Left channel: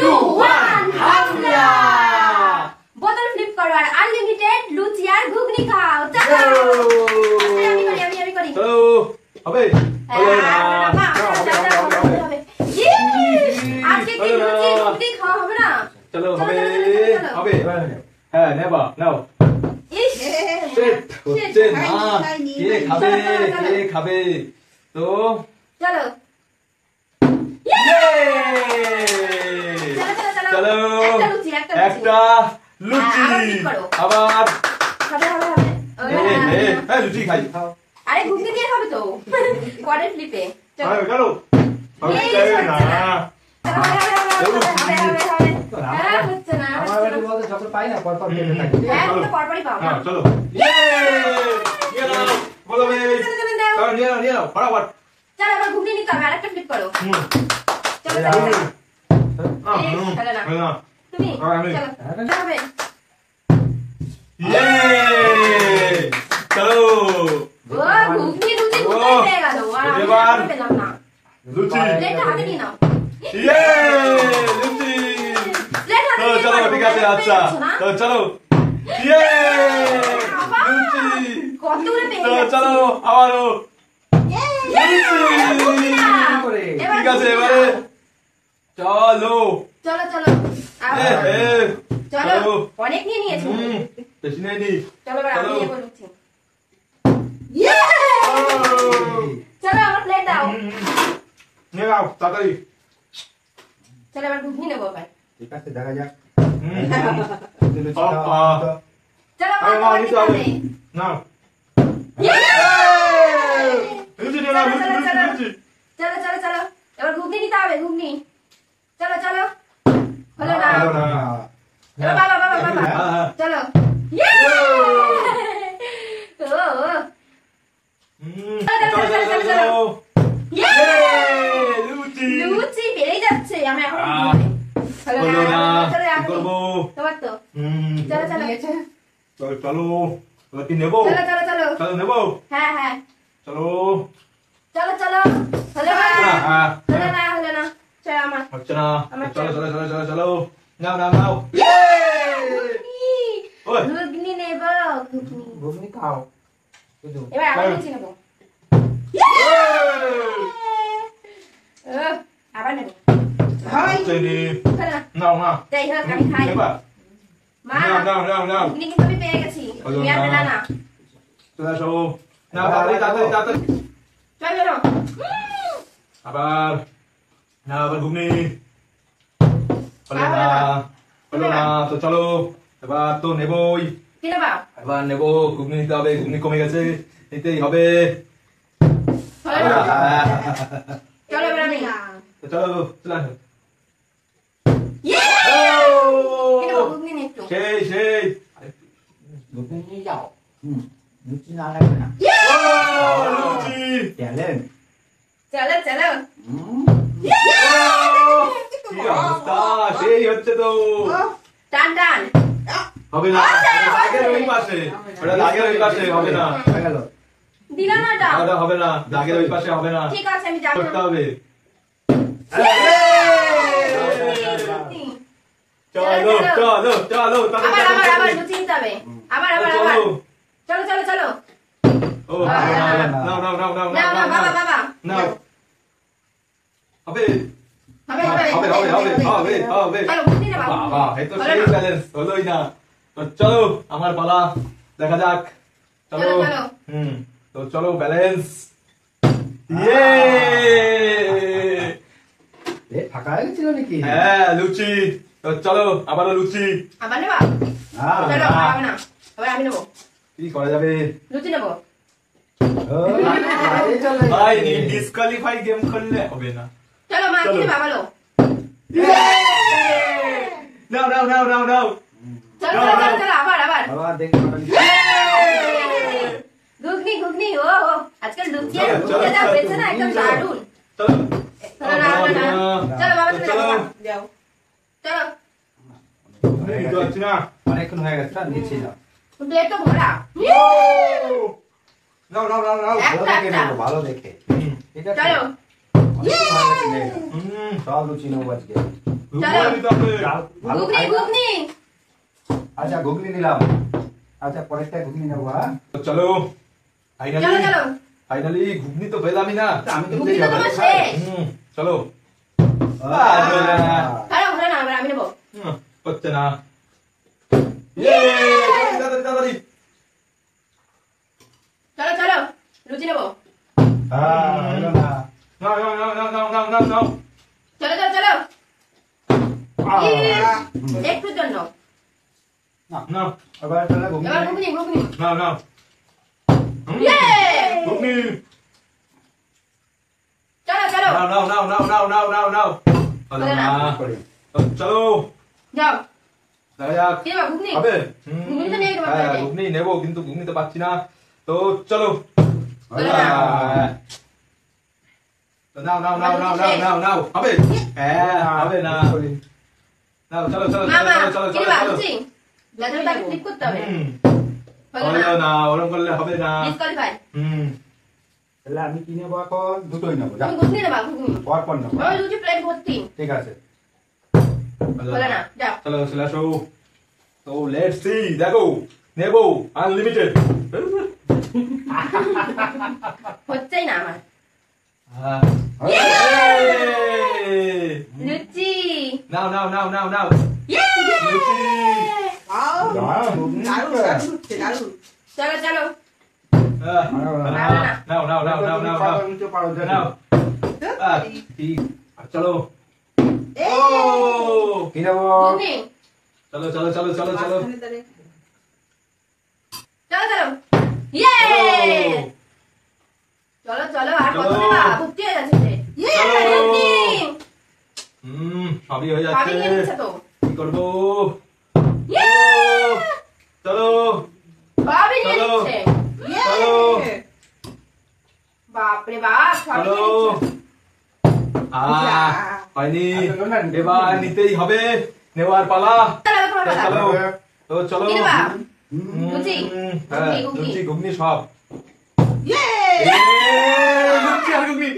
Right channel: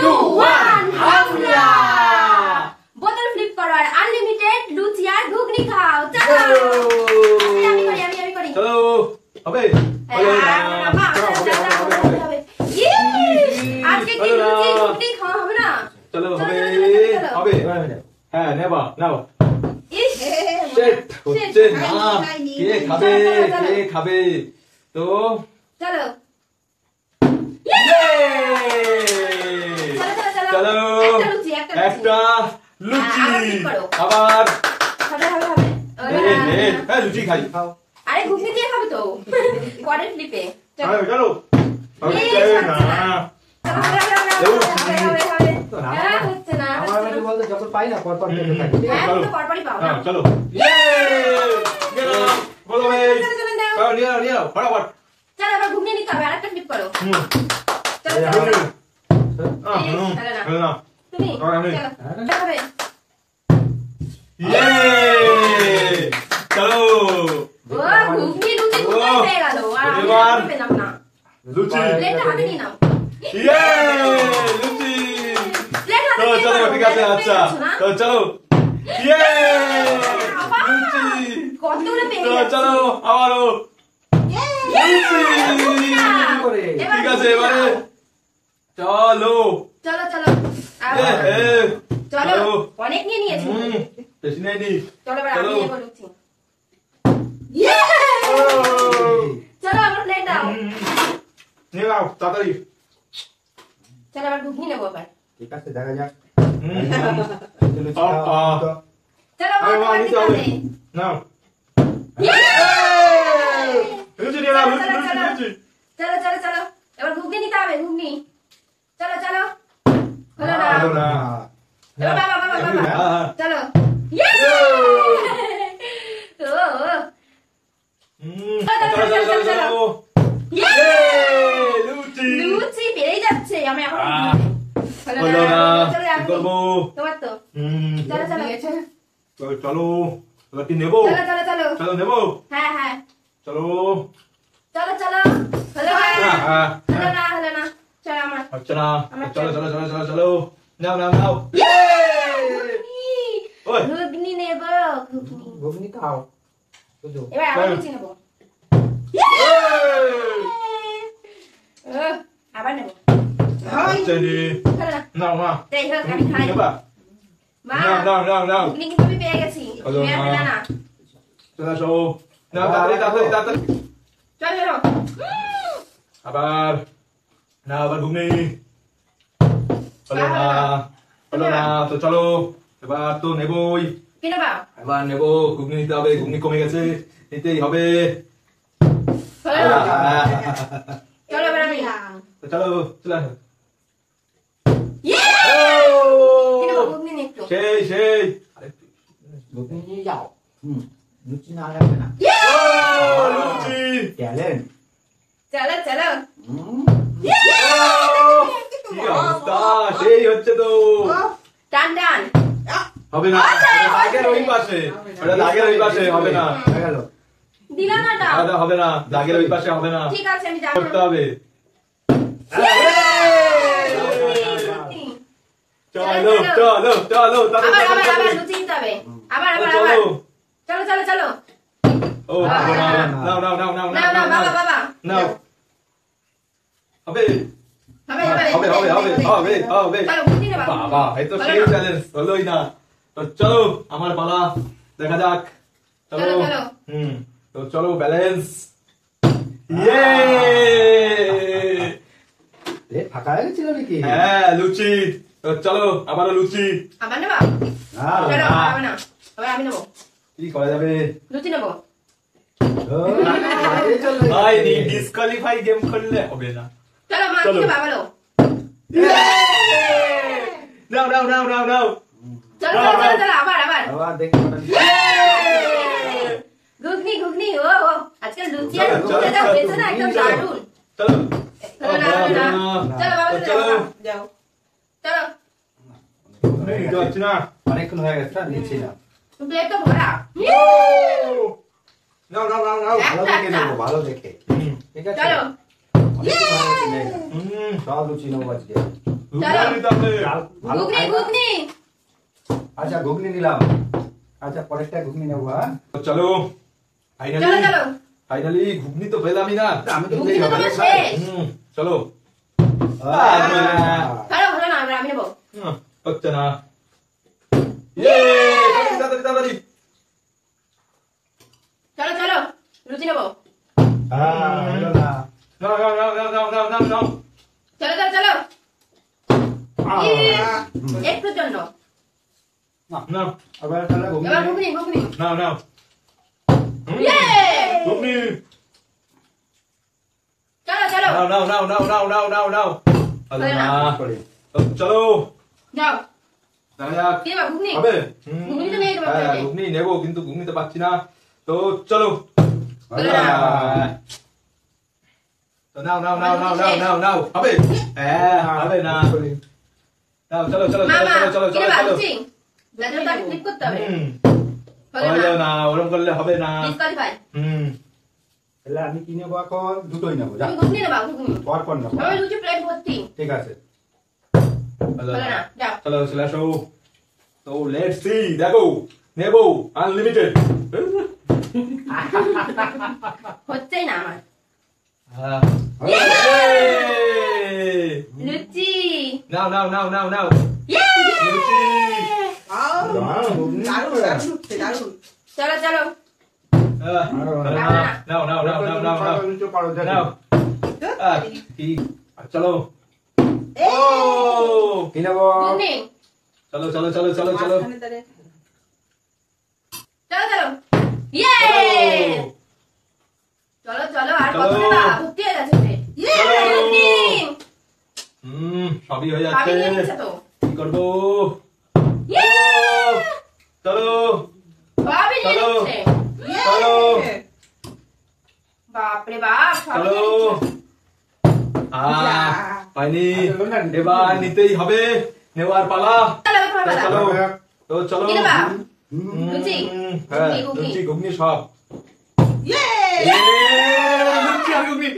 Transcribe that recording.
2 1 হামলা বোতল ফ্লিপ করো আর আনলিমিটেড লুচি আর ঘুগনি খাও চলো আমি করি চলো হবে আজকে কি লুচি ঘুগনি খাওয়া হবে না চলো হবে হ্যাঁ নেবা নাও সেট হচ্ছে না কে খাবে তো চলো চলো একটা লুচি আবার লুচি খাই আরে ঘুগনি দিয়ে খাবে তো কোয়ার্টার ফ্লিপে চলো চলো চলো আবার ঘুগনি নিতে হবে আরেকটা ফ্লিপ করো চলো তুমি চলো ঘুগনি লুচি হয়ে গেল আর পেলাম না লুচি প্লেটটা হাতে নিয়ে নাও লুচি তো চলো ঠিক আছে আচ্ছা তো চলো লুচি কতগুলো পেয়ে চলো আবারও ঠিক আছে এবারে চলো চলো চলো চলো অনেক নিয়ে নিয়েছি বেশি নেয়নি চলো এবার আমি নিয়ে বলছি চলো আমার প্লেট দাও নিয়ে নাও তাড়াতাড়ি চলো এবার ঘুগনি নেবো এবার ঠিক আছে দেখা যাক চলো মা নিতে হবে নাও চলো চলো চলো এবার ঘুগনি নিতে হবে ঘুগনি চলো চলো হলো না এবার বাবা বাবা বাবা চলো লুচি বেড়েই যাচ্ছে আমি এখন হলো না কি করবো তোমার তো চলো চলো চলো কি নেবো চলো চলো চলো চলো নেবো হ্যাঁ হ্যাঁ চলো চলো চলো হলো না হলো না চলো আমার হচ্ছে না চলো চলো চলো চলো চলো নাও নাও নাও ঘুগনি নেব ঘুগনি খাও এবার আবার লুচি নেব আবার নেব নাও মা তাই হোক আমি খাই মা নাও নাও নাও ঘুগনি কিন্তু আমি পেয়ে গেছি না চলো চলো নাও তাড়াতাড়ি তাড়াতাড়ি তাড়াতাড়ি চলো আবার না আবার ঘুগনি হলো না তো চলো এবার তো নেবই কি নেবা এবার নেবো ঘুগনি নিতে হবে ঘুগনি কমে গেছে নিতেই হবে চলো এবার আমি চলো চলো ঘুগনি নিয়ে একটু সেই সেই ঘুগনি নিয়ে যাও লুচি না লাগবে না লুচি ট্যালেন্ট চলো চলো কি অবস্থা সেই হচ্ছে তো টান টান হবে না দাগের ওই পাশে ওটা দাগের ওই পাশে হবে না হয়ে গেল দিলা না ওটা হবে না দাগের ওই পাশে হবে না ঠিক আছে আমি যাব করতে হবে চলো চলো চলো আবার লুচি নিতে হবে আবার চলো চলো চলো ও নাও নাও নাও নাও না না বাবা বাবা নাও হবে হবে হবে হবে হবে হবে হবে চলো ঘুগনি নেবা বাবা এই তো সেই চ্যালেঞ্জ হলোই না তো চলো আমার পালা দেখা যাক চলো তো চলো ব্যালেন্স ইয়ে ফাঁকা হয়ে গেছিল নাকি হ্যাঁ লুচি তো চলো আবারও লুচি আবার নেবা হ্যাঁ চলো হবে না আবার আমি নেবো কি করা যাবে লুচি নেবো ভাই ডিসকোয়ালিফাই গেম খেললে হবে না চলো মা কি নেবা বলো নাও নাও নাও নাও নাও চলো চলো চলো আবার আবার দেখি ঘুগনি ঘুগনি ও আজকাল লুচি আর ঘুগনি যা হয়েছে না একদম দারুণ চলো চলো চলো বাবা চলো যাও চলো যাচ্ছি না অনেকক্ষণ হয়ে গেছে নিচ্ছি না প্লেট তো ভরা নাও নাও নাও নাও ভালো দেখে নেবো ভালো দেখে ঠিক আছে চলো সব লুচি নেবো আজকে চলো। নিতে হবে। ভালো ঘুগনি খাই না। ঘুগনি আচ্ছা ঘুগনি নিলাম। আচ্ছা পরেরটা ঘুগনি নেবো হ্যাঁ তো চলো চলো চলো ফাইনালি ঘুগনি তো পেলামই না। আমি তো ঘুগনি তো নিতেই হবে। তোমার শেষ। চলো ভালো ভালো না এবার আমি নেবো হচ্ছে না। তাড়াতাড়ি তাড়াতাড়ি। চলো চলো লুচি নেবো হ্যাঁ হলো না। নাও নাও নাও নাও নাও নাও নাও নাও। চলো চলো চলো একটুর জন্য নাও আবার তাহলে ঘুগনি এবার ঘুগনি ঘুগনি নাও নাও। ইয়ে ঘুগনি। চলো চলো নাও নাও নাও নাও নাও নাও নাও নাও। হলো না। করে। তো চলো যাও দেখা যাক। কি নেবো ঘুগনি হবে? ঘুগনি তো নিয়ে যাবো হ্যাঁ, প্লেটে। ঘুগনি নেবো কিন্তু ঘুগনি তো পাচ্ছি না। তো চলো চলো না। তো নাও নাও নাও নাও নাও নাও নাও হবে? হ্যাঁ হবে না। নাও চলো চলো চলো মামা চলো কি চলো নেবা চলো। লুচি ব্লাডার তাকে ক্লিক করতে হবে হুম, হলো হলো না না, ওরম করলে হবে না। ডিসকোয়ালিফাই হুম, তাহলে আমি কি নেবো এখন দুটোই নেবো যা তুমি ঘুগনি নেবা ঘুগনি পর পর নেবো আমার লুচি প্লেট ভর্তি ঠিক আছে হলো হলো না যাও চলো চলে আসো। তো লেটস সি, দেখো নেবো আনলিমিটেড। হচ্ছেই না আমার লুচি নাও নাও নাও নাও নাও ইয়ে লুচি। চলো চলো নাও নাও নাও নাও নাও নাও নাও। কি চলো। ও কি নেবো ঘুগনি চলো চলো চলো চলো চলো। চলো চলো ইয়ে চলো চলো আর কত চলো। নেবা ভর্তি হয়ে গেছে প্লেট ইয়ে ঘুগনি সবই হয়ে আমি যাচ্ছে। নিয়ে নিচ্ছে তো কি করবো? ইয়ে চলো সবই নিয়ে চলো। নিচ্ছে চলো বাপরে বাপ সবই চলো। নিয়ে নিচ্ছে হয়নি, এবার নিতেই হবে, নেওয়ার পালা। চলো তোমার তো পালা। চলো তো চলো। কি নেবা লুচি হ্যাঁ, ঘুগনি, ঘুগনি। লুচি ঘুগনি সব। লুচি আর ঘুগনি।